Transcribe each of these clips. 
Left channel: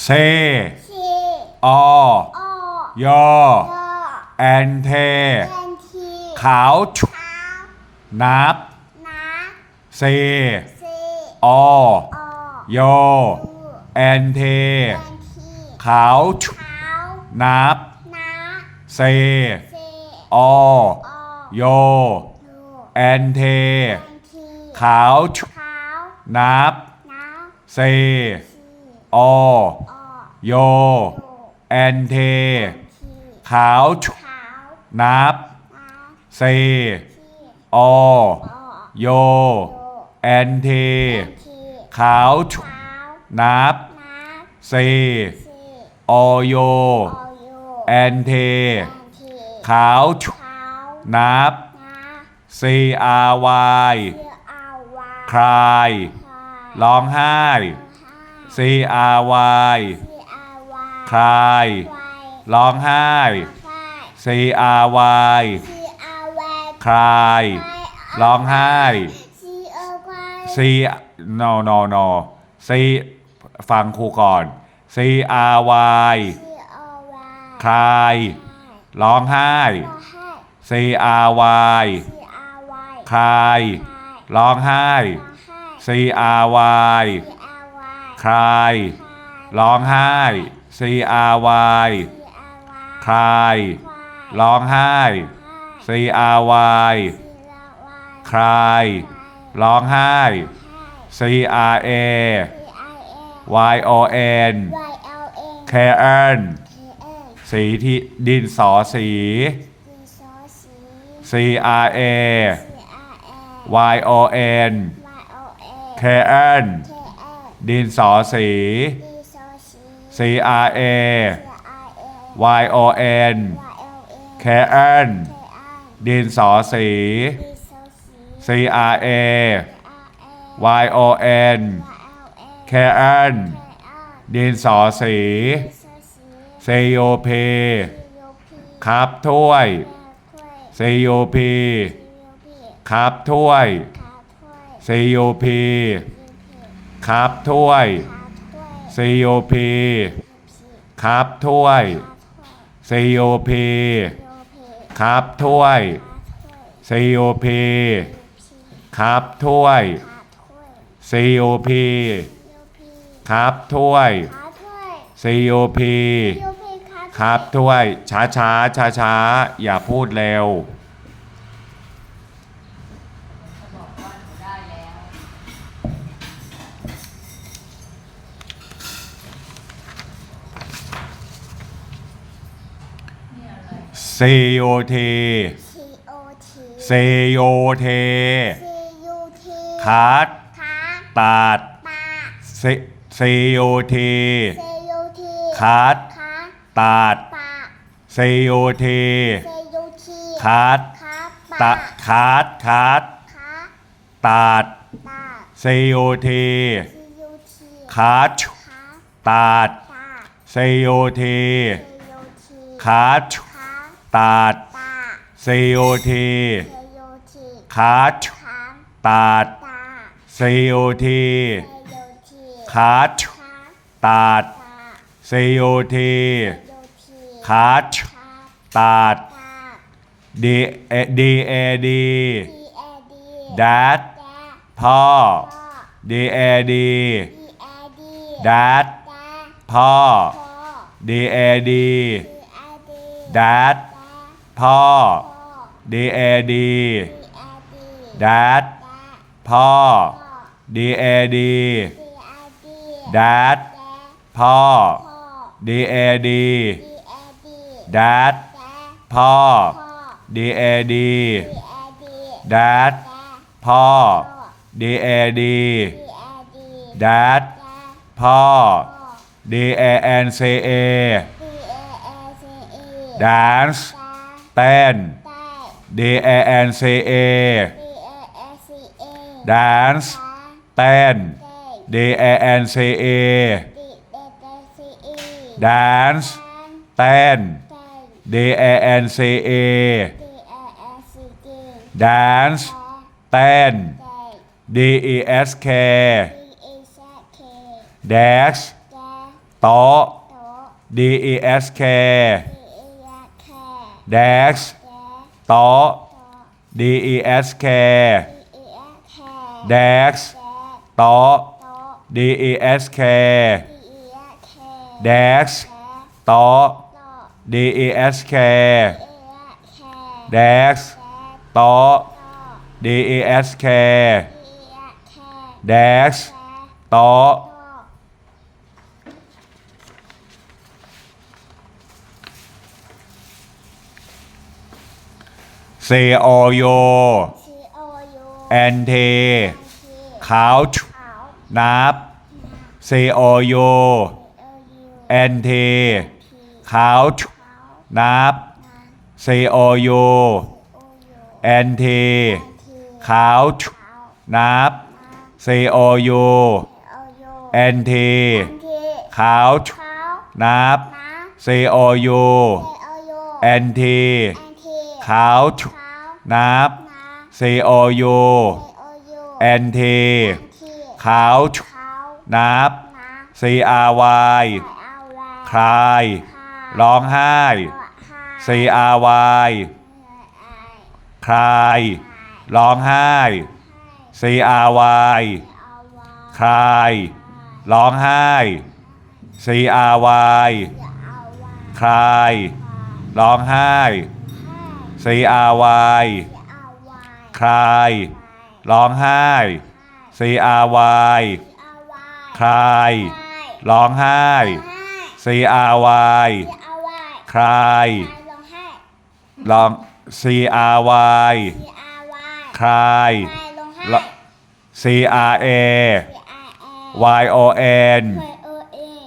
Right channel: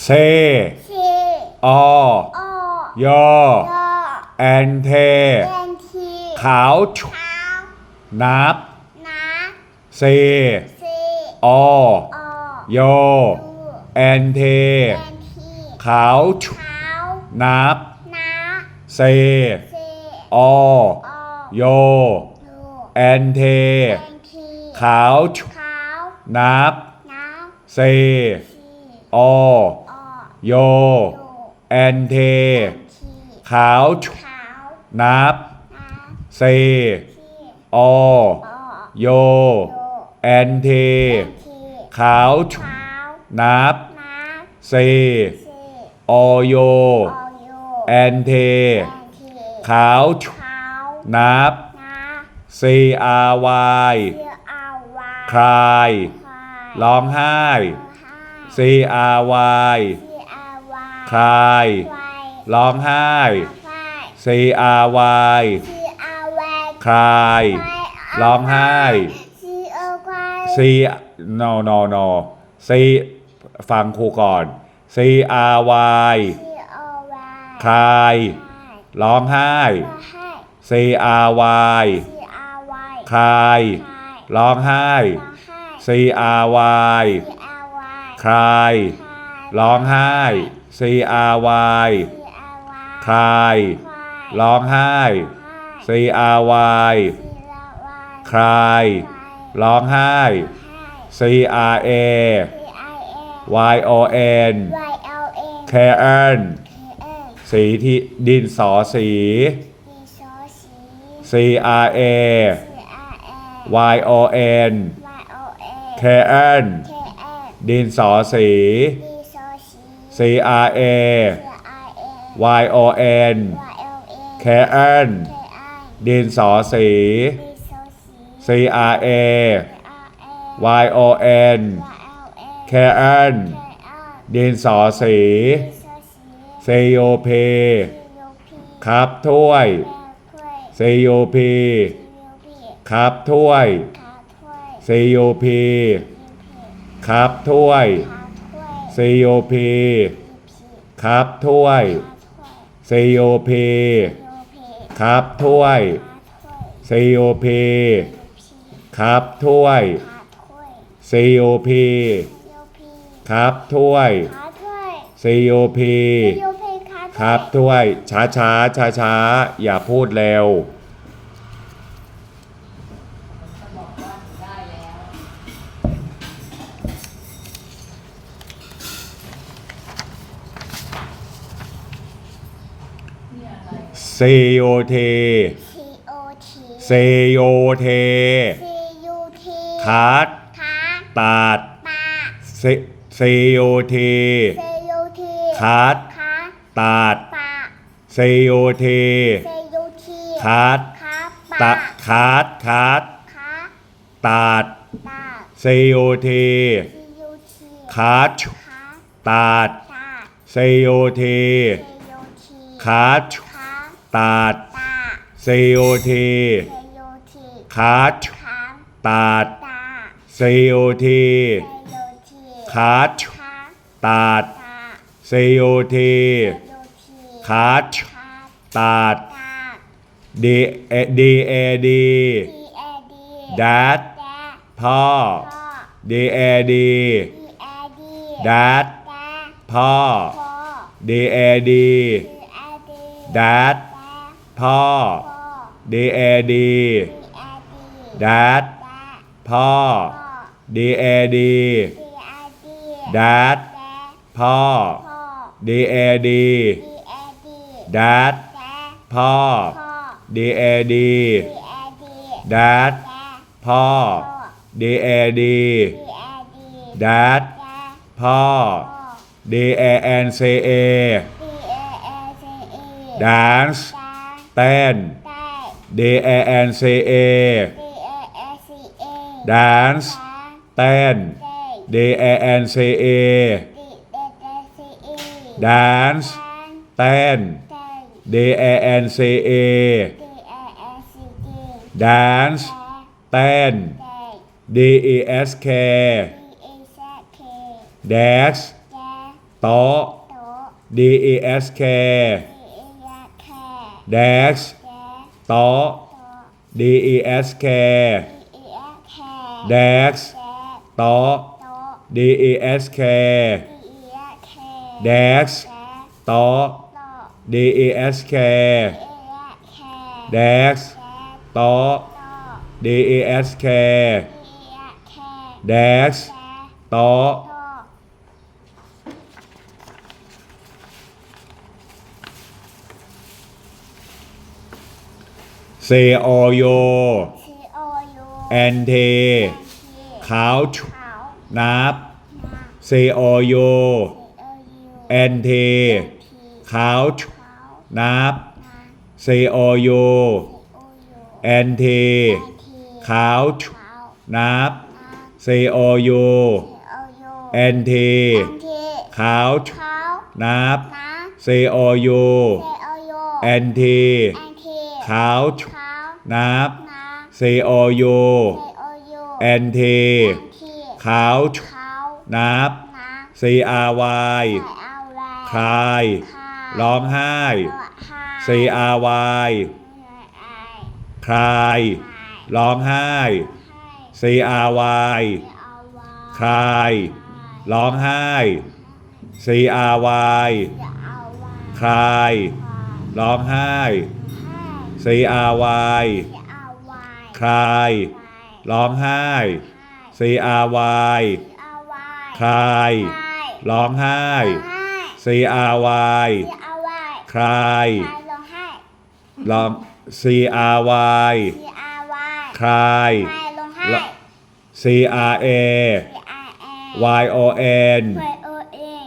เซเซออยแอนเทขาวชูนับเซออยแอนเท ขาวชุนับเซออยขาวชูนับเซ อโย แอนเท ขาวชนับเซอโย แอนเท ขาวชนับเซอโย แอนเท ขาวชนับเซอาวายคลาย ร้องไห้ C R Y คลาย ร้องไห้ C R Y คลาย ร้องไห้ C no no no C ฟังครูก่อน C R Y คลาย ร้องไห้ C R Y คลาย ร้องไห้ C R Y คลาย ร้องไห้ C R Y คลาย ร้องไห้ C R Y คลาย ร้องไห้ C R A Y O N K n สีที่ดินสอสี C R A Y O N K n ดินสอสี ดีซอสี C R A เสื้ออาเอ็น Y O N ไวเอลเอ็น c a r e n เคเอ็นดินสอสี ดีซอสี C R A อาเอ็น Y O N ไวเอลเอ็น c a r e n เคเอ็นดินสอสี ดีซอสี C O P ซีโยพีครับถ้วยแบกล้วย C O P ซีโยพีครับถ้วย ขาถ้วย C O P ยูพี ครับถ้วย COP ครับถ้วย COP ครับถ้วย COP ครับถ้วย COP ครับถ้วย COP ครับถ้วยช้าช้าช้าช้าอย่าพูดเร็ว ซโยเท C O T ซโยเท C U T ทัดขาตาดปาเซโยเท C U T ทัดขาตาดปาเซโยเท C U T ทัดขาดาตะขาดขาดขาตาดตา เซโยเท C U T ขาดขาตาดตา เซโยเท C U T ขาด ตาดซีโอทีคาชตาดซีโอทีคาชตาดซีโอทีคาชตาดดีเอดีเอดีทีเอดีดาดพ่อดีเอดีดัดพ่อดีเอดีดัดด พ่อ พ่อ D A D ดีเอดี Dad แดพ่อ พ่อ D A D ดีเอดี Dad แดพ่อ พ่อ D A D ดีเอดี Dad แดพ่อ พ่อ D A D ดีเอดี Dad แดพ่อ พ่อ D A D ดีเอดี Dad แดพ่อ พ่อ D A N C A ดีเอเอซีเอ Dance แด แตน D A N C A dance. แตน D A N C A dance. แตน D A N C A dance. แตน D A S K. Dash. โต๊ะ D A S K. desk แดโต๊ะโต๊ะ D E S K ดีเอียแค่ desk แดโต๊ะโต๊ะ D E S K ดีเอียแค่ desk แดโต๊ะโต๊ะ D E S K ดีเอียแค่ desk แดโต๊ะโต๊ะ D E S K ดีเอี ยแค่ desk แดโต๊ะโต๊ะ C O U ซีโอยู N T ที couch ขาวนับมา C O U ซีโอยู N T ที couch ขาวนับ นา C O U ซีโอยู N T ที couch ขาวนับ นา C O U ซีโอยู N T อันที couch ขาวนับ นา C O U ซีโอยู N T อันที couch ขาวนับ นา C O U ซีโอยู N T อันที couch ขา วนับนา C R Y ใส่เอาแล้คลายคาย ร้องไห้ C R Y คลาย ร้องไห้ C R Y คลาย ร้องไห้ C R Y คลายร้องไห้ C R Y คลาย ร้องไห้ C R Y คลาย ร้องไห้ C R Y คลาย ร้อง C R Y คลาย C R A Y O N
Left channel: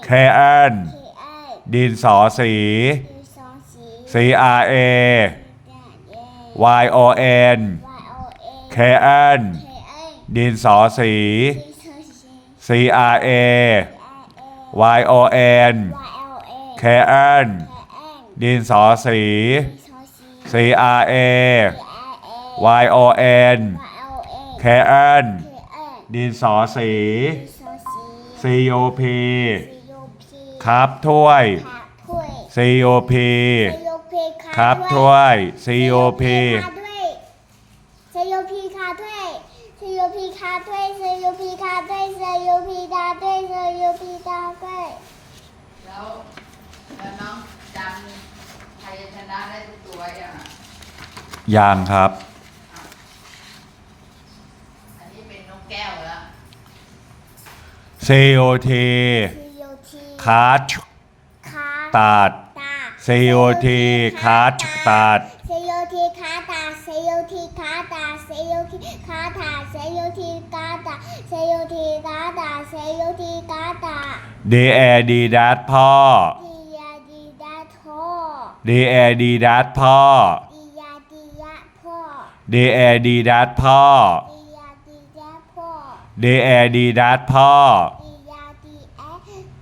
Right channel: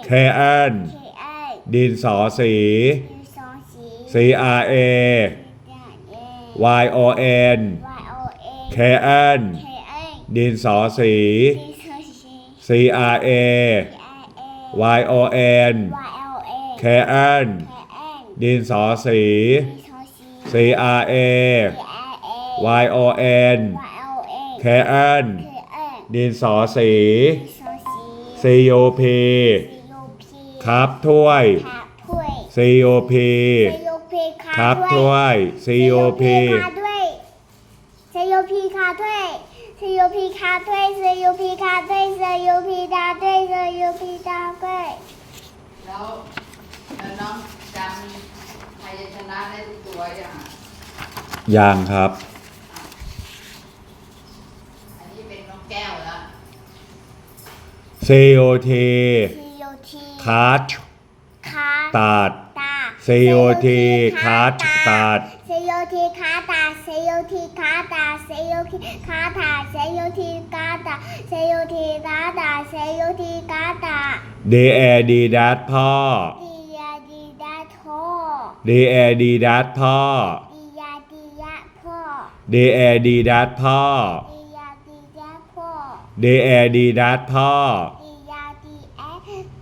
แคแอนดินสอสี C R A Y O N แคแอนดินสอสี C R A Y O N แคแอนดินสอสี C R A Y O N แคแอนดินสอสี C O P ครับถ้วย C O P ครับถ้วย C O P ซโยพีคาด้วยซโยพีคาด้วยซโยพีคาด้วยซโยพีดาด้วยซโยพีดาด้วยแล้วแล้วน้องจำไทยชนะได้ทุกตัวยังอะยังครับ อันนี้เป็นน้องแก้วแล้ว C O T ซโยทีคัดคาตัด ตา C O T คัดตัดซโยทีคาตาซโยทีคาตาซโยทีคาตาซโยทีคาตาซโยทีคาตาซโยทีคาตา D A D ดัดพ่อดียาดีดาโท D A D ดัดพ่อดียาดียาพ่อ D A D ดัดพ่อดียาดียาพ่อ D A D ดัดพ่อดียาดีแอ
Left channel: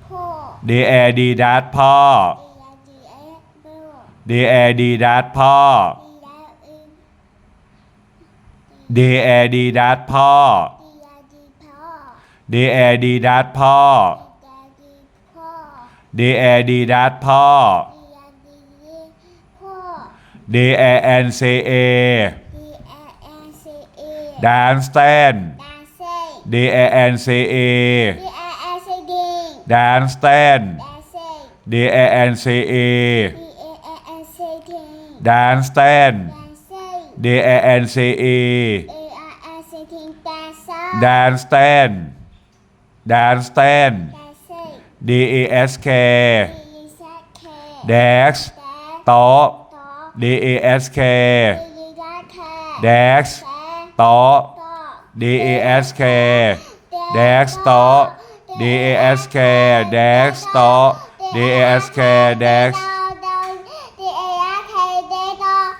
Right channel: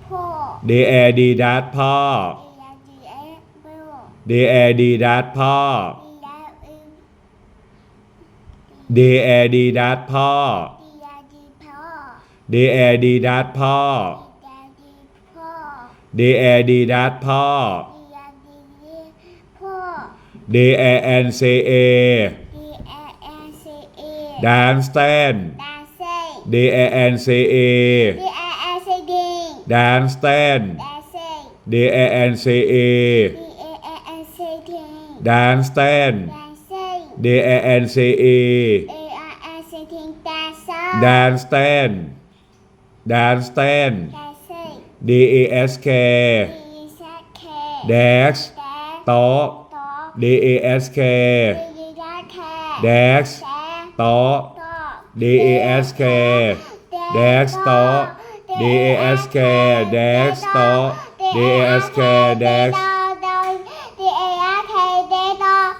พ่อ D A D ดัดพ่อ ดียาดีแอพ่อ D A D ดัดพ่อดียาดีแอ D A D ดัดพ่อดียาดีพ่อ D A D ดัดพ่อดียาดีพ่อ D A N C A ดีแอแอนซีเอ dance stand ดานเซ่ D A N C A ดีแอแอนซีดิง dance stand ดานเซ่ D A N C A ดีเอแอนซีดิง dance stand ดานเซ่ D A N C E เอแอนซีดิงดานเซ่ dance stand dance stand ดานเซ่ D E S K ดีแซเค desk แดโต๊ะโต๊ะ D E S K ดีแซเค desk แดโต๊ะโต๊ะ D E S K desk โต๊ะ D E S K desk โต๊ะ D E S K desk D A S K desk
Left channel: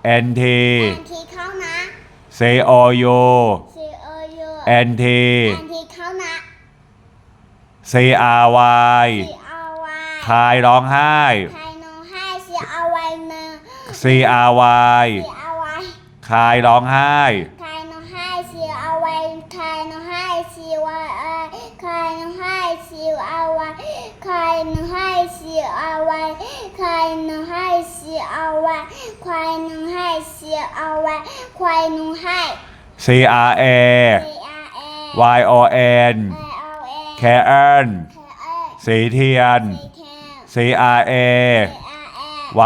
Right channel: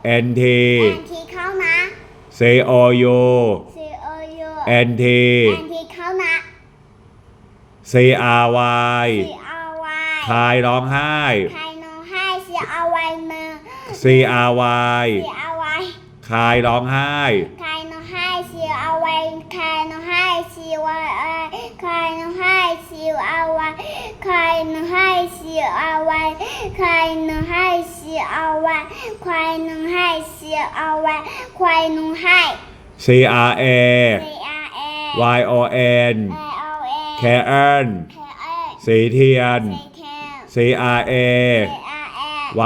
U C O U N T N T เขานะ C O U C O U N T N T เขานะ C R Y C R Y คายร้องไห้ใครน้องให้ C R Y มือ C R Y C R Y คายร้องไห้ใครน้ องให้ C R Y ใครน้ให้ C Y I ใครน้องให้ C R Y ใครน้องให้ C R Y ใครน้องให้ C R Y ใครน้องให้ C R Y ใครน้องให้ C R A C R A Y O N I O A แคเอิล K A สีเทียน C K C R A C R A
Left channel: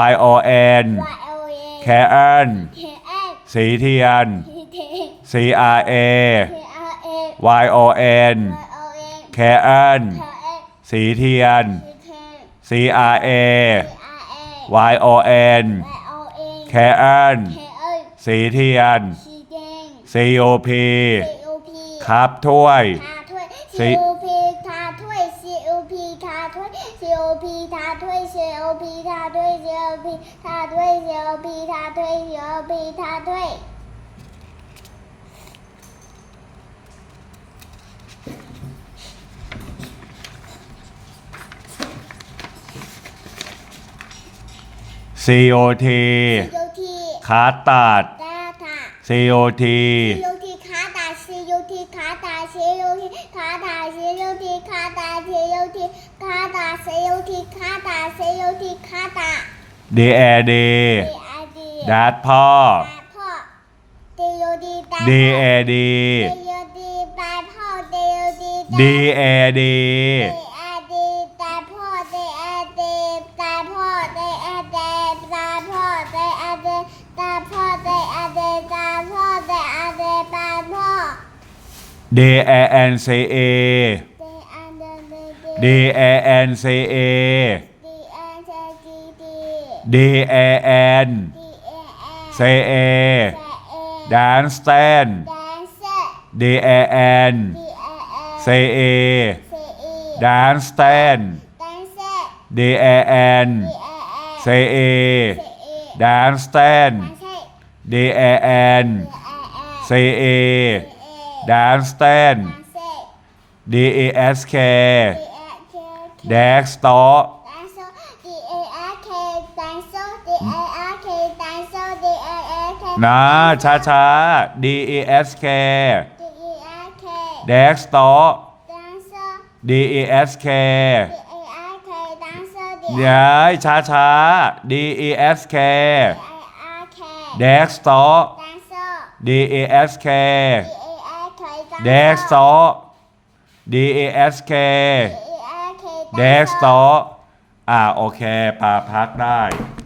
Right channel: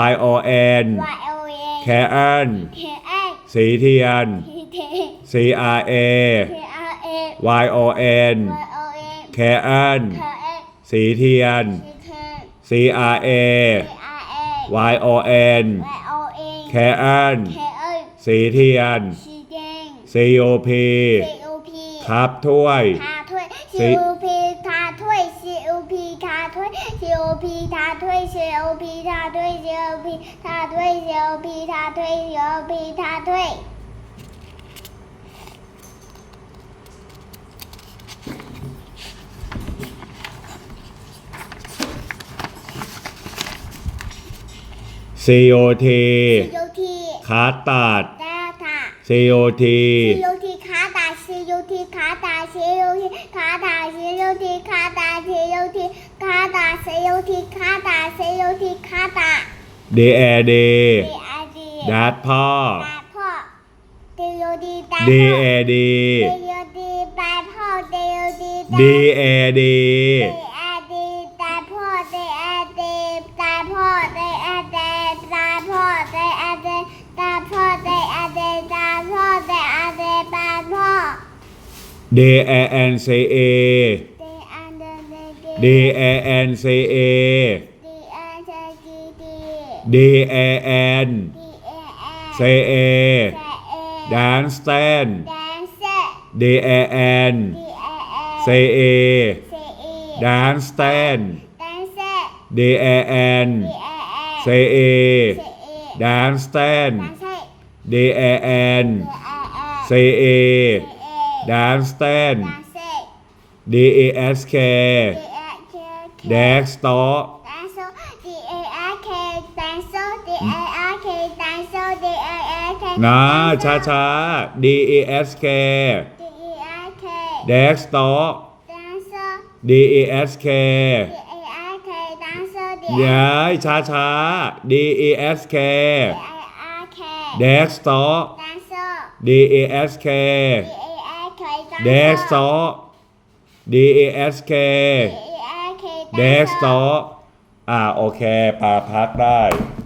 Y O N Y O A แคเอิล K A สีเทียน T T C R A Y O N Y O A แคเอิล K A สีเทียน C R A Y O N Y O A แคเอิล K A สีเทียน C O P ครับถ้วย C O P ทาถ้วย C O P ทาถ้วย C O P ทาถ้วย C O P ทาถ้วย C O P ทาถ้วย C O P ทาถ้วย C O P ทาถ้วย C O T C O T ขาตัดดาตา C O T C O T ขาตา C O T ขาตา C O T ขาตา C O T ขาตา C O T ขาตา C O T ขาตา C O T ขาตา D A D D I D ดัดพ่อตาพ่อ D O D ตา D พ่อ A D D O D ตาพ่อ D O D ตา D A D D I D D A N C A D Dance Stand Dance Dance Stand Dance Dance Stand Dance Dance Stand Dance D E S K D A K Desk Store Dance D A R K Dance D A R K Dance D A R K นะช้าช้า D E S K D E R K Desk Store Dance D E S K D A R K Dance D ย้ายช้าช้า D E S K A R K Desk Store Dance D E S K D A R K Desk Store D E S K D A R K Desk Store อ่าโอเคปาพักได้ด